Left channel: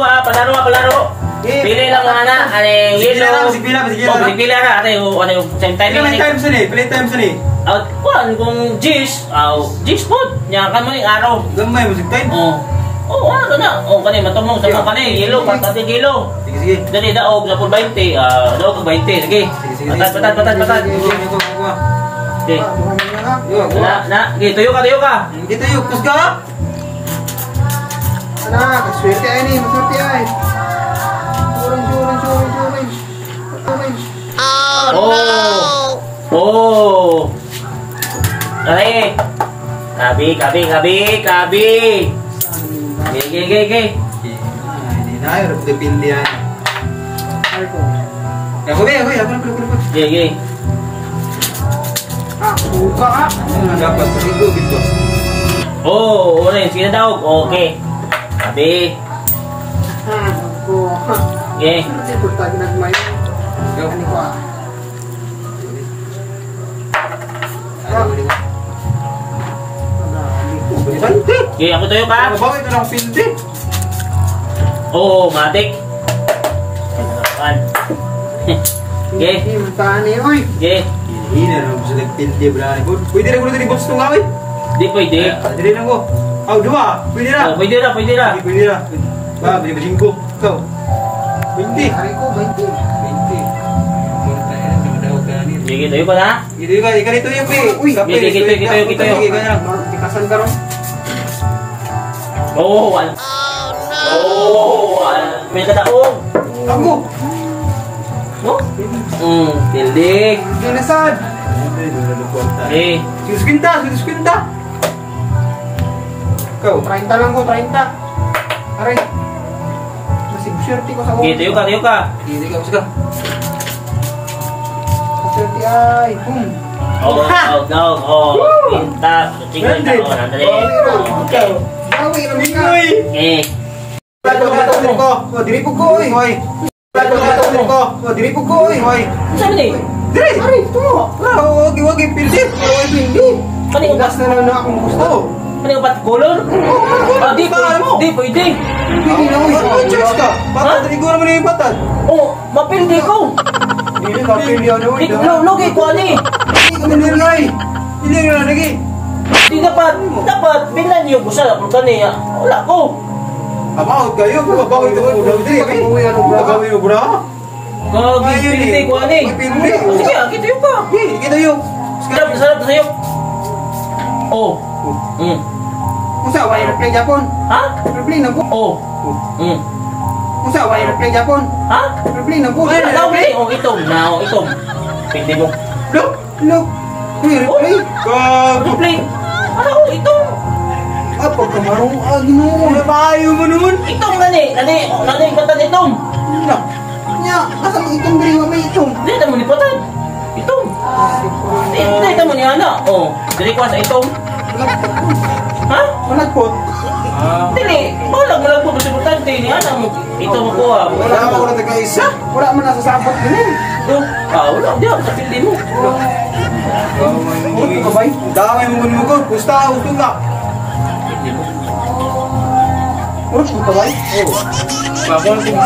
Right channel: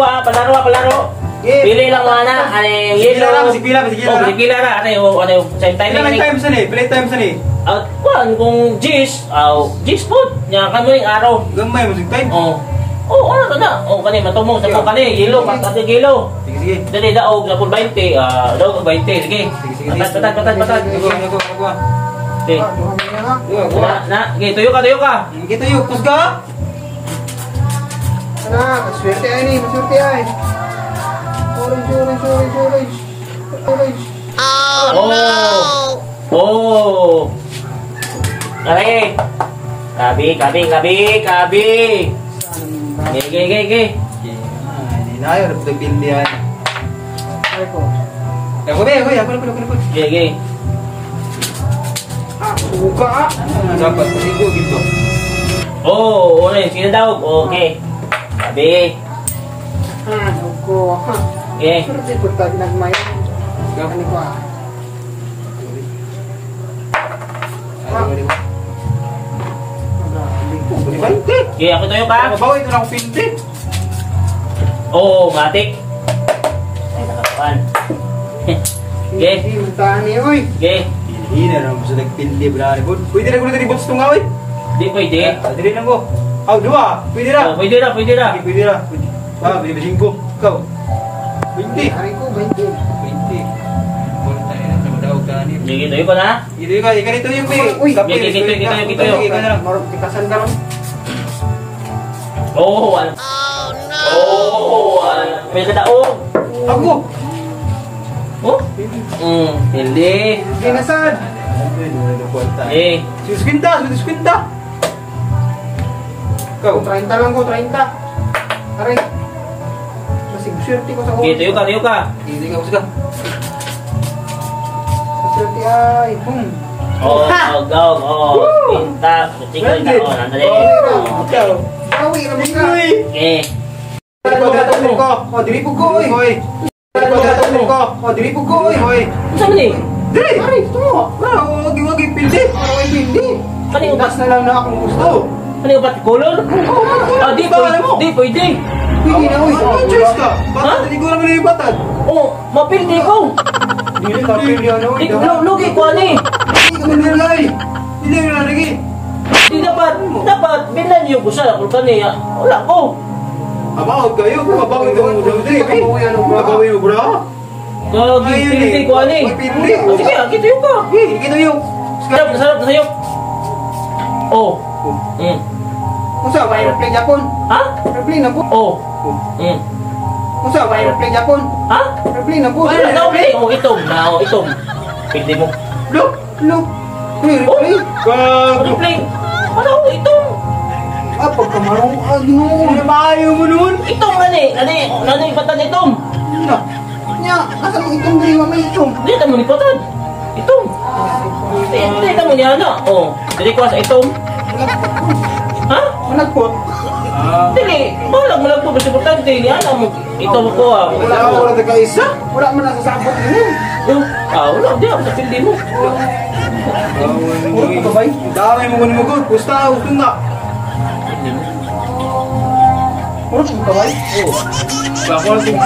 Palaro. Pili lang nga na. Ano yung yellow? Pila ra. Ano yung same time? Play time sa ni. Kung G's food. Yan kan mo yung araw. Gamay mo sig time. Ano ka na? Kani matumong sa mga kani. Yellow, pati yellow. Sige. Dali daog na po 20. Daog 20. Sige. Patad. Okay. Sige, tuyo ka. Kita yuk, kusga. Anak, swerte ay ni, maswerte ay. Orange. Oh no! Aray! Kabi! Gay. Ini na yun, napipindihan. Ay ko. Ako na. Gay. Buka ah. Dapat pasigo gitu. Orange. Sino daog? Okay. Kabi. Ako. Okay. Pero di po tayo nagmay. Ano ko ah. Okay, ako tayo ka. Bawa ito lang pindi. Matik. Ay, nakakuan. Okay. Hindi, mantaan niya, oy. Okay. Ini na lang gusto nagpindi brani. Pwede na ko na ribot sa tungawi. Di pwede. Dili lang ko. Dua. Pwede na. Pwede ra. Pwede na. Pwede ba 5? Ikaw. 20. Hari ko, 20. 20. Muna tayo na kamadaw ka ni. Sige, tayo ka na. Ito yung pi. Uy, kita. Marot tikasan ka ron. Oh no! May kadaog. Ako. Pilih. Ginasad. Suskwinta. Kau. 30 lang ko, 30. Aray. Masig swerte ko sa ko. Tayo ka. Hindi ka usga. Swerte ay. Pinta. Tinggal ka. Nandali. Okay. Bawi naman ka. Okay. Diripog ko, oy. Diripog ko, oy. Saan ni? Diri. Ari, tumo. Wagi pindi. Hindi. Kanino ba? Ugas na lang na akong gusto. Kanino ba color? Di pwede. Hindi na, oy. Choice ka. Patad, hindi ko naman yung patad. Mapildi ko. Hindi ka pili ano, oy. Lugi ko ani. Hindi ka manulay. Hindi ka na lagi. Di dapat bilan yung gusto ako kaniya. Wala ko. Amahot kayo, kumabang ito mo daw diri. Gagawin mo bra. Pildi ko ani. Pildi. Sige, kita yung ka. Kita yung. Sarap na sa'yo. Kung sa way replay Japon. Ha? Replay na po. Kung sa way replay Japon. Ha? Replay na po. Wala daw ni. Itom. Pildi mo. Look. Replay. Replay. Ano? Itom. Pagkamarong ano. Bayo mo nun. Itom nani patad itom. Nya, nasa mga itong diri may itong. Dito mo ni patad. Itom. Dito mo ni ana. Dili ko sa itom. Ha? Malagpot. Dili. Malag po kasi importante ni ana mo. Itom ko Wala ako na taga-isa. Wala man nasasabot din. Wala diyan sa pildi mo. Puro ko bay. Dami mo mo ko. Kusta ako tunga. Puro ko bay. Ako lang